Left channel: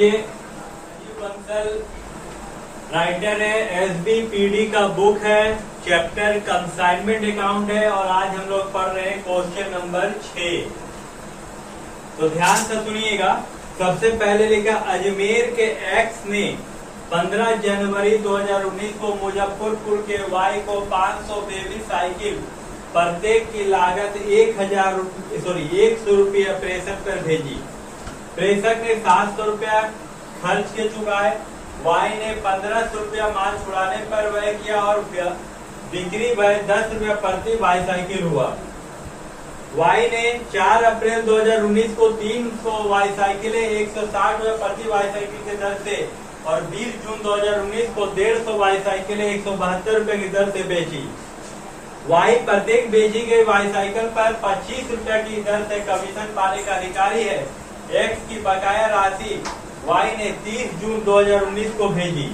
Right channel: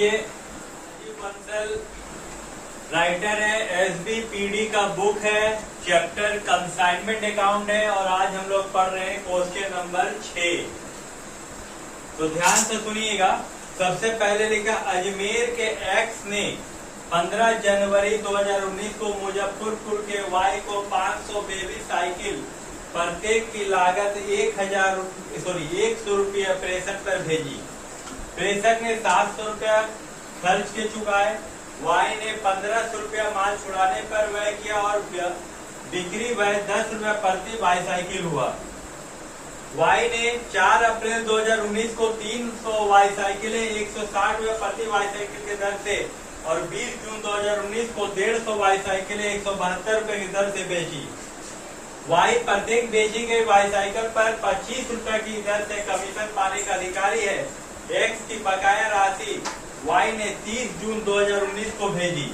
ये बंसल राइटर है, एसडीपीडी का बुक है, चैप्टर कंसाइनमेंट अकाउंट है और आज हम लोग पढ़ रहे हैं क्वेश्चन नंबर 6। तो ध्यान से सुनिएगा। सबसे पहले लिखा अजमेर के एक्स ने 15 जनवरी 2019 को मुजफ्फरपुर के वाई को 500 बेबी साइकिल प्रत्येक की लागत 100 रुपया प्रेषक पर भेजी। प्रेषक ने 700 रुपया खर्च के चुका है। वाई ने 1500 रुपया माल छुड़ाने पर व्यय किया और बिक्री व्यय 10 रुपया प्रति बाईसाइकिल हुआ। वाई ने 4 अप्रैल 2019 को 300 बाईसाइकिलें 160 रुपया प्रति बाईसाइकिल की दर से और 20 जून 2019 को 150 बाईसाइकिलें 172 रुपए की दर से बेची। वाई प्रत्येक बेची गई बाईसाइकिल पर 25 रुपए की दर से कमीशन पाने का अधिकारी है। एक्स की बकाया राशि वाई ने 30 जून 2019 को भेजी।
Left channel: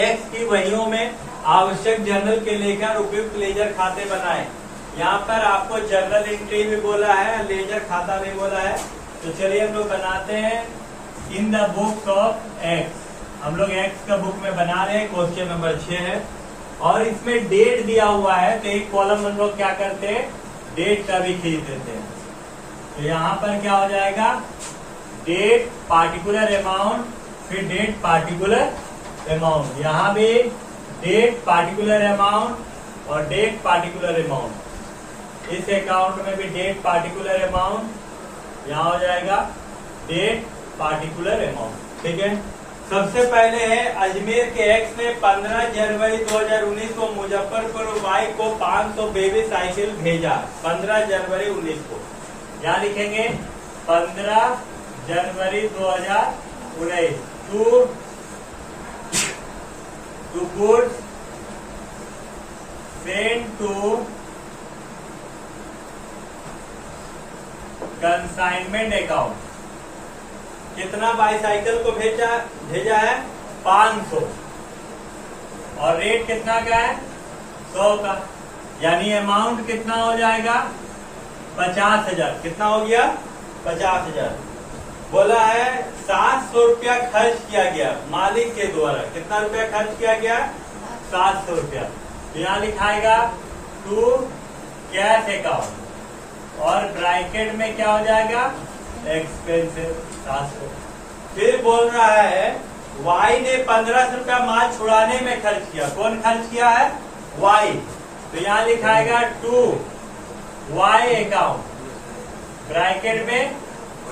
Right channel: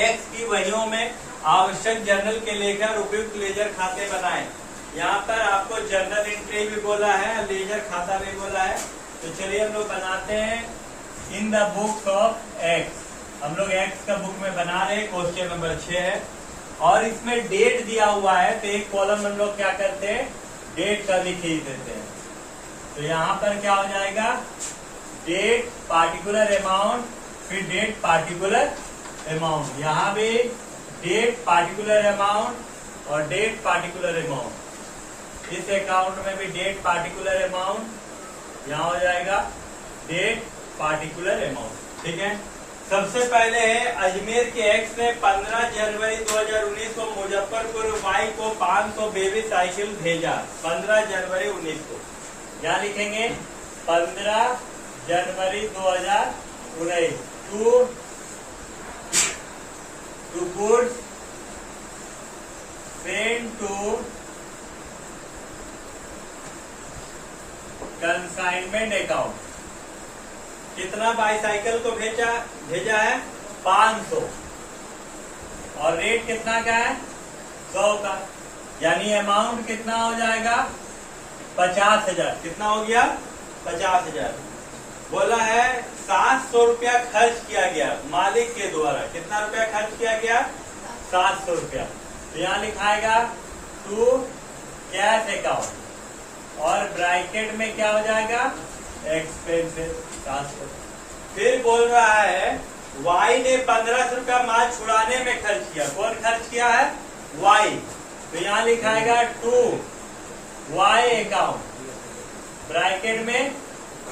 एक्स की वहियों में आवश्यक जर्नल के लेकर उपयुक्त लेजर खाते बनाए। यहाँ पर आपको जर्नल एंट्री भी बोला है, लेजर खाता भी बोला है। तो चलिए हम लोग बनाते हैं in the book of x. हम लोग एक्स का बुक में बना रहे हैं, क्वेश्चन नंबर 6 है और इसमें डेट दिया हुआ है। तो एक कॉलम हम लोग क्या करते हैं, डेट का भी खींच देते हैं। तो यहाँ पर क्या हो जाएगा, डेट पार्टिकुलर अमाउंट, फिर डेट पार्टिकुलर अमाउंट। यहाँ भी डेट पार्टिकुलर अमाउंट और डेट पार्टिकुलर अमाउंट। इस अकाउंट में भी डेट पार्टिकुलर अमाउंट, यहाँ हो जाएगा डेट पार्टिकुलर अमाउंट। ठीक है। सबसे पहले है अजमेर के एक्स ने 15 जनवरी 2019 को मुजफ्फरपुर वाई को 500 बेबी साइकिल भेजा। 15 जनवरी 19 को यहाँ लिखेंगे 15 जनवरी 2019 to goods sent to consignment account. कितना बाईसाइकिल को भेजा है, 500 और रेट कितना का है, 100 का। यानी अमाउंट कितना हो जाएगा, 50,000। कितना हो गया, 50,000। बोला है 700 रुपया खर्च किया गया मालिक के द्वारा। कितना रुपया खर्च किया गया, 700 रुपया। तो यहाँ लिखाएगा टू कैश अकाउंट और ब्रैकेट में क्या हो जाएगा, एक्सपेंसिव 700। फिर बोल रहा है वाई ने 1500 रुपया माल छुड़ाने में खर्च किया। कौन खर्च किया है, वाई। तो यहाँ लिखाएगा टू वाई अकाउंट ब्रैकेट में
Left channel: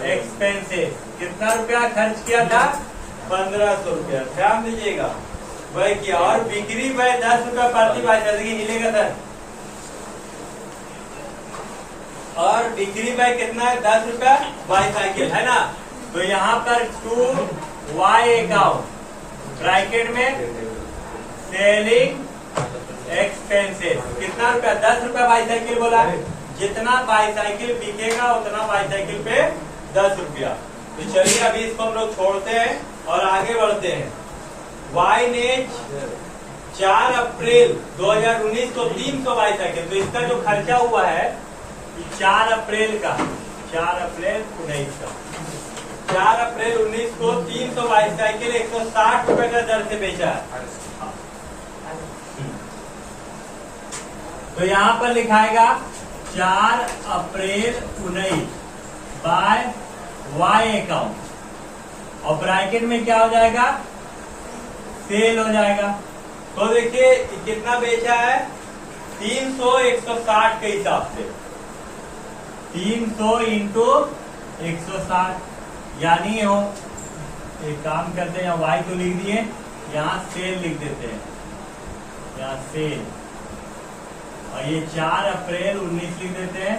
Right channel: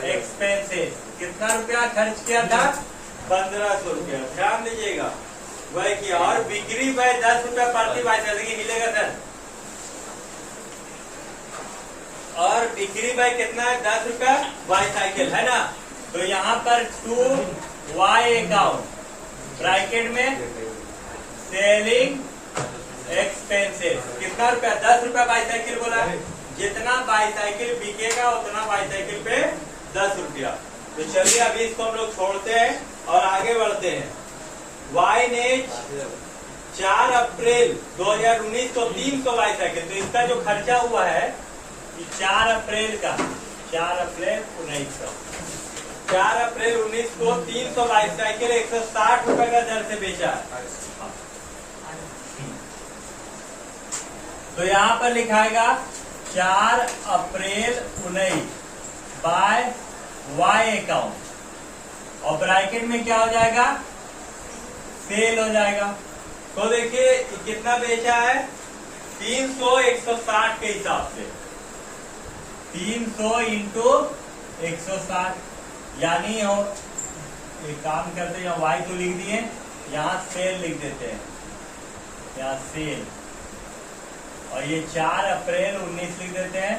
एक्सपेंसिव। कितना रुपया खर्च किया था, 1500 रुपया। ध्यान दीजिएगा वह किया और बिक्री वह 10 रुपया प्रति बाईसाइकिल। देखिए हिलेगा सर। और बिक्री वह कितना है, 10 रुपया बाईसाइकिल है ना। तो यहाँ पर टू वाई अकाउंट ब्रैकेट में सेलिंग एक्सपेंसिव। कितना रुपया, 10 रुपया बाईसाइकिल बोला। जितना बाईसाइकिल बिकेगा उतना बाईसाइकिल पे 10 रुपया। तो चलिए अभी इसको हम लोग छोड़ते हैं और आगे बढ़ते हैं। वाई ने 4 अप्रैल 2019 को 300 बाईसाइकिल। तो इसका जो खर्चा हुआ है 4 अप्रैल का, 4 अप्रैल 19 का, 4 अप्रैल 19 को 300 बाईसाइकिल 160 रुपए का दर से बेचा है। तो यहाँ पर लिखाएगा 4 अप्रैल 19 बाय वाई अकाउंट और ब्रैकेट में क्या हो जाएगा, सेल हो जाएगा। तो देखिए कितना बेचा है, 300 160 के हिसाब से 300 इंटू 160। यानी हो एक काम करते हैं, यहाँ वाई तो लिख दिए, यहाँ सेल लिख देते हैं, यहाँ सेल। और ये 4 अप्रैल 19 लिख देते हैं।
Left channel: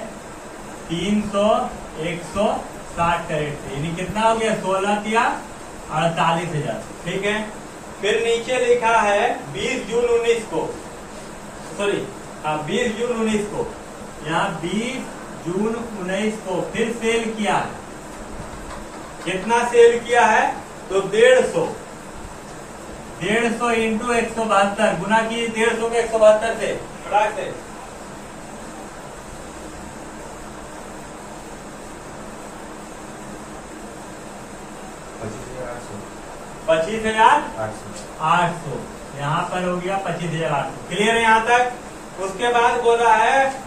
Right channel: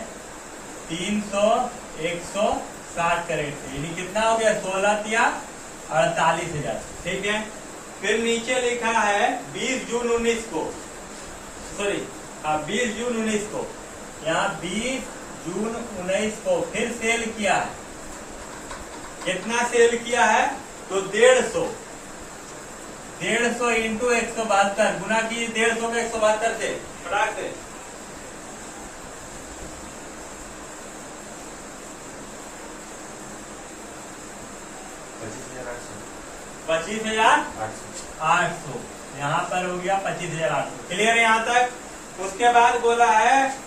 300 160 का रेट। यानी कितना हो गया, 16 या 48,000। ठीक है। फिर नीचे लिखा है 20 जून 19 को, सॉरी 20 जून 19 को, यहाँ 20 जून 19 को फिर सेल किया है। कितना सेल किया है, तो 150 इंटू 172 गुना की 150 को 172 से फटाक से। 25,800 यहाँ पर हो गया 25,800। क्लियर है यहाँ तक। उसके बाद बोला है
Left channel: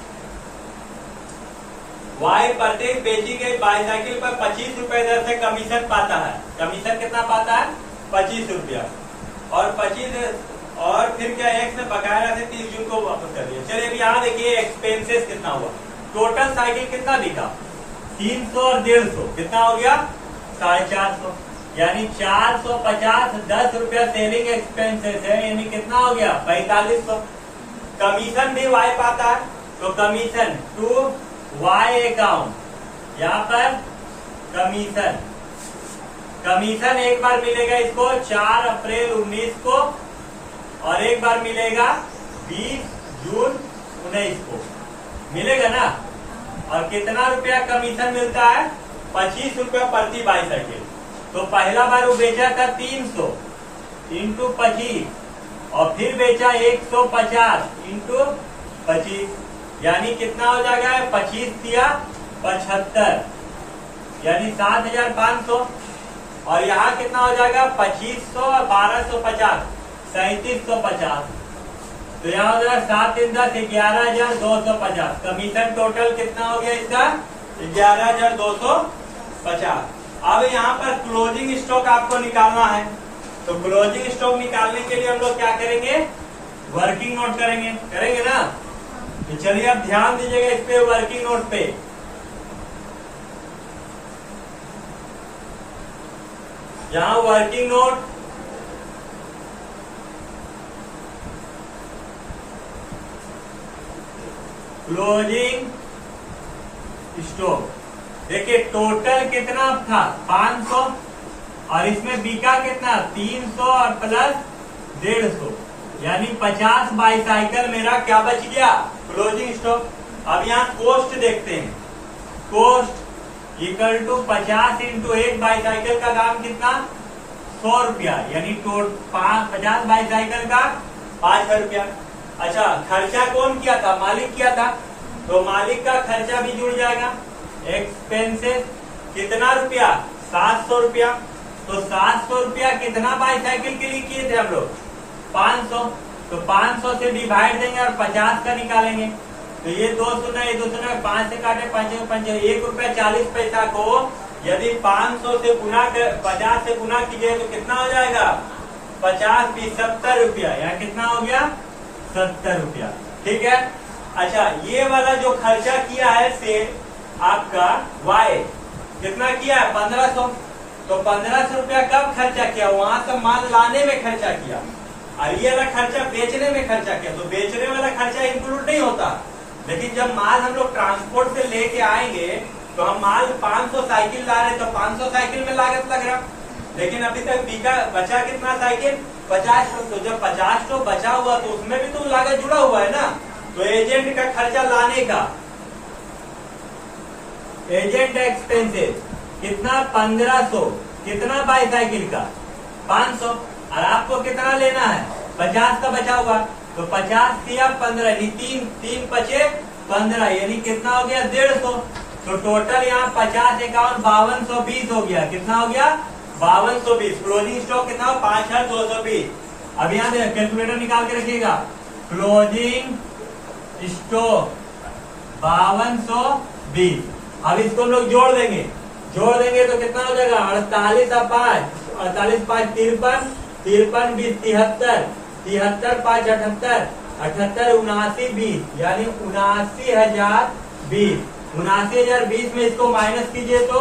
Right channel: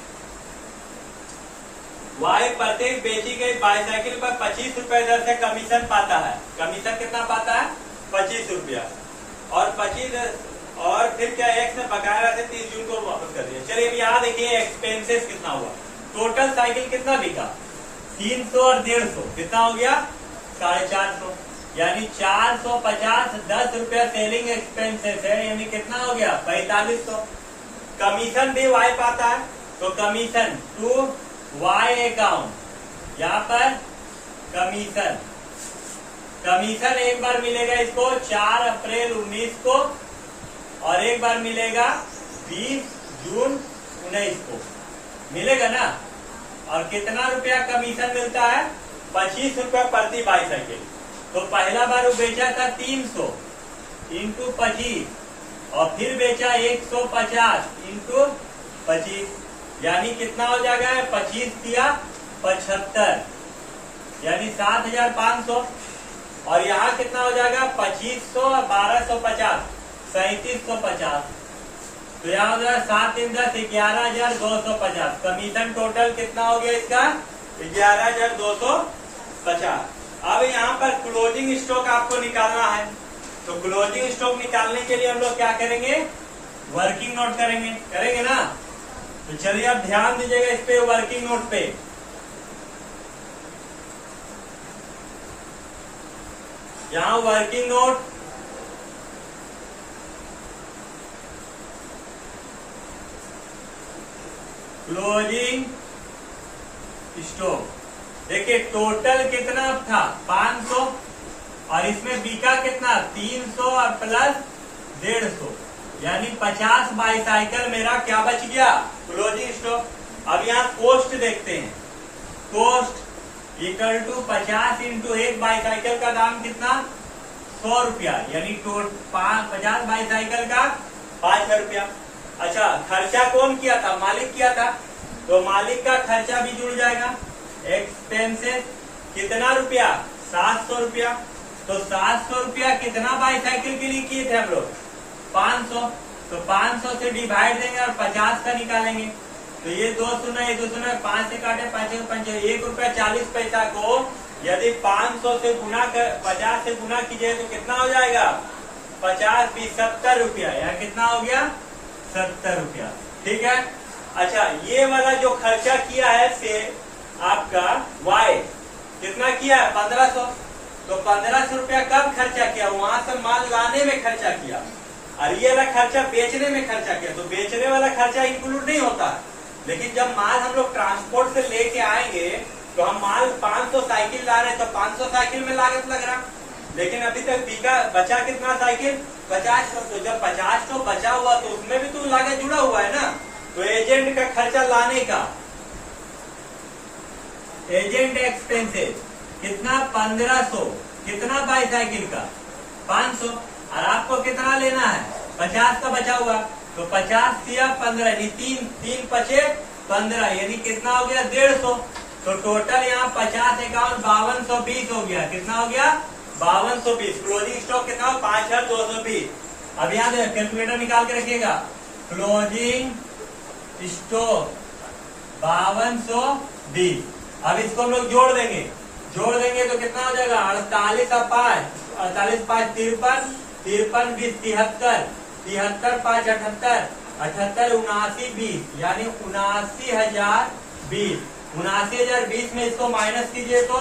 वाई प्रत्येक बेची गई बाईसाइकिल पर 25 रुपए दर से कमीशन पाता है। कमीशन कितना पाता है? 25 रुपया। और 25 और फिर क्या एक्स ने बकाया से 30 जून को वापस कर दिया। चलिए अभी यहाँ देखिए एक्सपेंसेस कितना हुआ। टोटल साइकिल कितना बिका? 300 और 150 कितना हो गया? 450, यानी 450 10 रुपया सेलिंग एक्सपेंसेस है, यानी कितना हो गया? 4500। कमीशन भी वाई पाता है, तो कमीशन टू वाई अकाउंट, यहाँ पर कमीशन एक बार मिलेगा इसको 4 अप्रैल 19 को, और एक बार मिलेगा 20 जून 19 को, मिलेगा ना। और कितना रुपया कमीशन मिलता है? 25 रुपया प्रति बाईसाइकिल। तो पहला बार वो बेचा था 300 इंटू 25, और फिर बेचा 150 इंटू 25, यानी कितना हो जाएगा? 25 दिया 75, यानी 7,500। और यहाँ कितना हो जाएगा? 2500 और 1250 3750। तो यहाँ हो जाएगा 7 दिन 10 11,250। कमीशन टोटल कितना हो गया इसका? 11,250। अब यहाँ पर क्लोजिंग स्टॉक आपको निकालना है, तो क्लोजिंग स्टॉक निकालने के लिए हम लोग क्या करेंगे? वर्किंग नोट करेंगे ना। तो चलिए अब ध्यान दीजिएगा इस पे, वर्किंग नोट पे। यहाँ वर्किंग नोट, क्लोजिंग स्टॉक। देखिए टोटल कितना था? 500, और इसमें बिका कितना? 300 और प्लस 150, यानी 50 बाईसाइकिल मेरा क्या बच गया? Closing stock. अब यहाँ कोस्ट देखते हैं। Cost equal to 50 into 1 bicycle का दाम कितना? 100 रुपया, यानी 50 बाईसाइकिल का 5,000 रुपया। अच्छा, खर्चा कौन किया था? मालिक किया था, तो मालिक का खर्चा भी जुड़ जाएगा। एक्सपेंसेस कितना रुपया? 700 रुपया। तो 700 रुपया कितना बाईसाइकिल के लिए किए थे हम लोग? 500। तो 500 से डिवाइड देंगे और 50 का निकालेंगे। तो ये 2 शून्य, ये 2 शून्य, 5 से काटे 5 5, 1 रुपया 40 पैसा को यदि 500 से गुना कर 50 से गुना कीजिए तो कितना हो जाएगा? 50 20 70 रुपया, यहाँ कितना हो गया? 70 रुपया। ठीक है। अच्छा, ये वाला जो खर्चा किया है से आपका वाई कितना किया है? 1500। तो 1500 रुपया कब खर्चा किया? वहां से माल लाने में खर्चा किया, और ये वाला खर्चा बेचने में खर्चा किया। तो बेचने वाला खर्चा इंक्लूड नहीं होता, लेकिन जब माल हम लोग ट्रांसपोर्ट से लेके आएंगे तो हम माल 500 साइकिल ला रहे हैं, तो 500 साइकिल में लागत लग रहा, लेकिन अभी तक बिका बचा कितना साइकिल? 50। तो जब 50 तो बचा हुआ तो उसमें भी तो लागत जुड़ा हुआ है ना। तो एजेंट का खर्चा लाने का, एजेंट एक्सपेंसेस कितना? 1500। कितना बाईसाइकिल का? 500। और आपको कितना लेना है? 50 का बचा हुआ, तो 50 या 15, यानी 3 पचे 15, यानी कितना हो गया? 150। तो टोटल यहाँ 50 51 5220 हो गया। कितना हो गया? 5220। क्लोजिंग स्टॉक कितना हो? 5220। अब यहाँ से कैलकुलेटर निकाल के रखिएगा। Closing stock 5220। अब इसको हम लोग जोड़ देंगे तो कितना हो जाएगा? 48 और 5, 48 5 53, 53 20 73, 73 5 78, 78 79 20, यानी 79,020। 79,020 में इसको माइनस कीजिए तो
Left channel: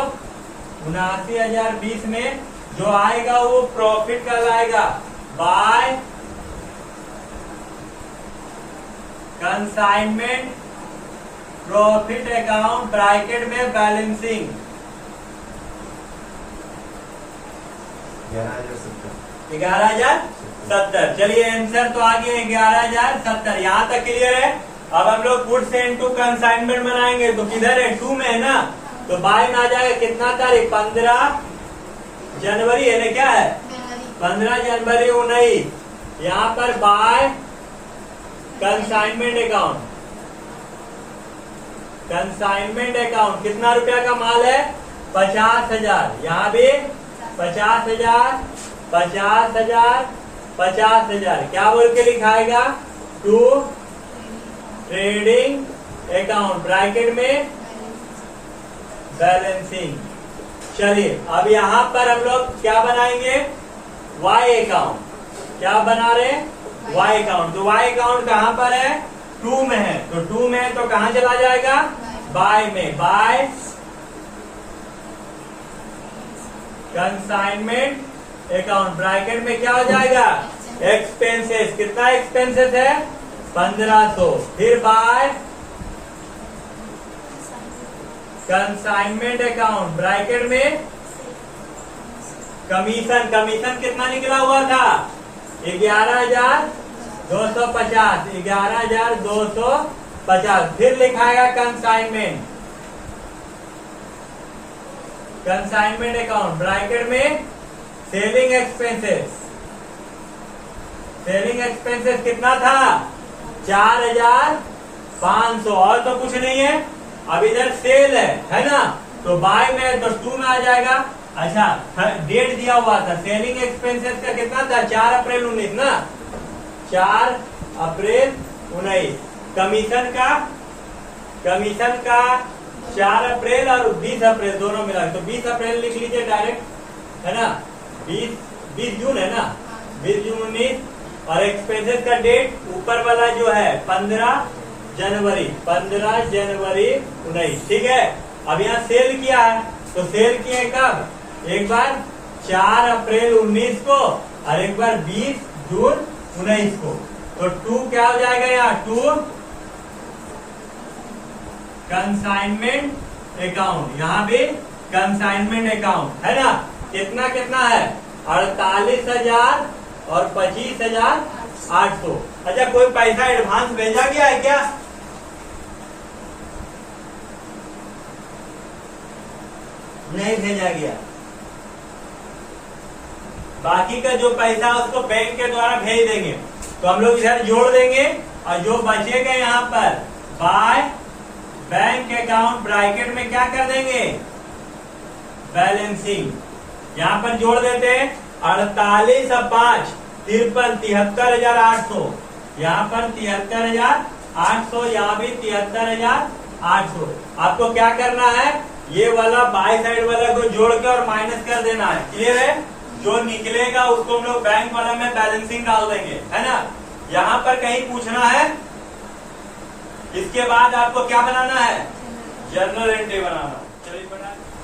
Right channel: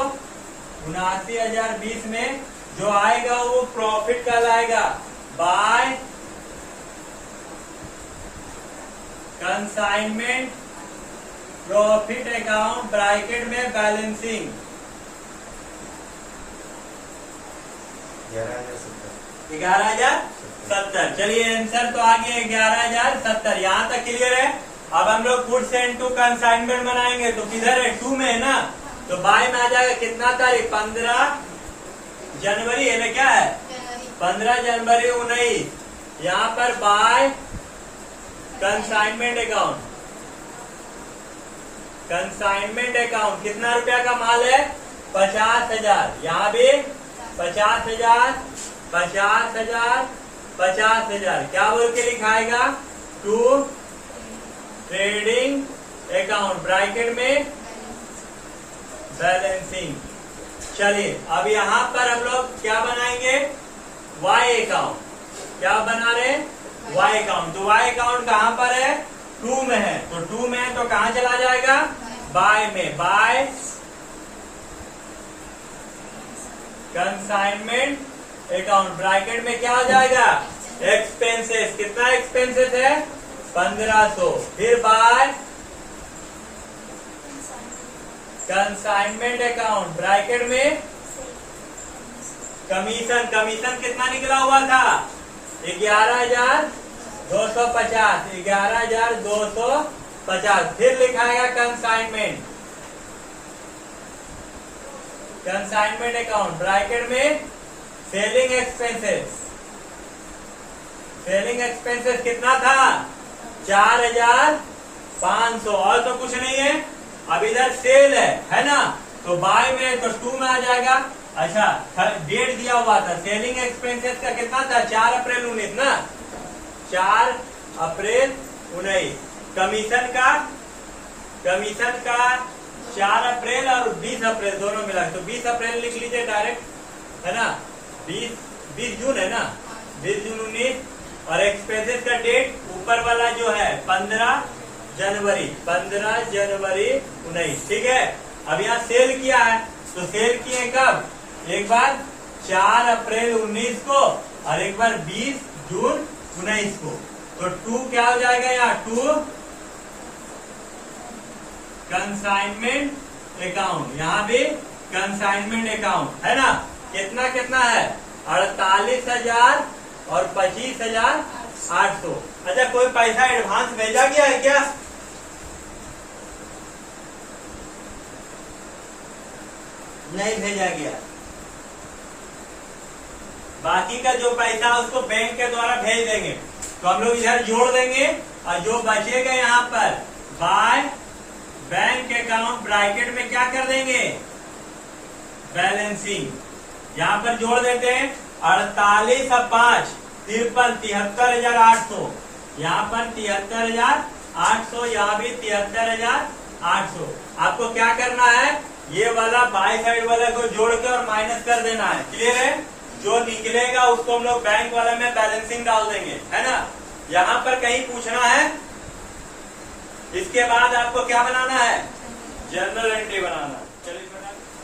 79,020 में जो आएगा वो प्रॉफिट कहलाएगा by consignment profit account, bracket में बैलेंसिंग। 11,070। चलिए आंसर तो आ गया 11,070। यहाँ तक क्लियर है। अब हम लोग गुड्स एंड टू कंसाइनमेंट बनाएंगे, तो किधर है? 2 में है ना, तो बाय में आ जाएगा कितना तारीख? 15 जनवरी है ना, क्या है? 15 जनवरी 19। यहाँ पर by consignment account, consignment account कितना रुपया का माल है? 50,000। यहाँ भी 50,000, 50,000, 50,000 क्या बोल के लिखाएगा? टू ट्रेडिंग अकाउंट, ब्रैकेट में बैलेंसिंग। चलिए अब यहाँ पर हम लोग क्या बनाएंगे? Y account. क्या बना रहे? Y account. तो वाई अकाउंट कहाँ पर है? टू में है। तो टू में है तो कहाँ चला जाएगा? बाय में। बाय कंसाइनमेंट अकाउंट, ब्रैकेट में क्या हो जाएगा? एक्सपेंसेस। कितना एक्सपेंसेस है? 1500। फिर बाय कंसाइनमेंट अकाउंट, ब्रैकेट में कमीशन। कमीशन कितना निकला हुआ था? 11,250। 11,250। फिर लिखाएगा कंसाइनमेंट, कंसाइनमेंट अकाउंट, ब्रैकेट में सेलिंग एक्सपेंसेस। सेलिंग एक्सपेंसेस कितना था? 4,500। और तो कुछ नहीं है। अब इधर सेल है ना? तो बाय में तो टू में आ जाएगा। अच्छा डेट दिया हुआ था सेलिंग एक्सपेंसेस का कितना था? 4 अप्रैल 19 ना? 4 अप्रैल 19। कमीशन का 4 अप्रैल और 20 अप्रैल दोनों मिला, तो 20 अप्रैल लिख लीजिए डायरेक्ट, है ना? 20 जून है ना? 20 जून 19। और एक्सपेंसेस का डेट ऊपर वाला जो है 15 जनवरी 19। ठीक है। अब यहाँ सेल किया है तो सेल किए कब? एक बार 4 अप्रैल 19 को और एक बार 20 जून 19 को। तो टू क्या हो जाएगा यहाँ? To consignment account. यहाँ भी कंसाइनमेंट अकाउंट है ना? कितना कितना है? 48,000 और 25,800। अच्छा कोई पैसा एडवांस भेजा गया है क्या? नहीं भेजा गया। बाकी का जो पैसा उसको बैंक के द्वारा भेज देंगे। तो हम लोग इधर जोड़ देंगे और जो बचेगा यहाँ पर बाय बैंक अकाउंट, ब्रैकेट में क्या कर देंगे? बैलेंसिंग। यहाँ पर जोड़ देते हैं 48 और 5 53, 73,800। यहाँ पर 73,800, यहाँ भी 73,800। आपको क्या करना है? ये वाला बाय साइड वाला को जोड़कर माइनस कर देना है। क्लियर है? जो निकलेगा उसको हम लोग बैंक वाला में बैलेंसिंग डाल देंगे, है ना? यहाँ पर कहीं पूछना है? इसके बाद आपको क्या बनाना है? जर्नल एंट्री बनाना। चलिए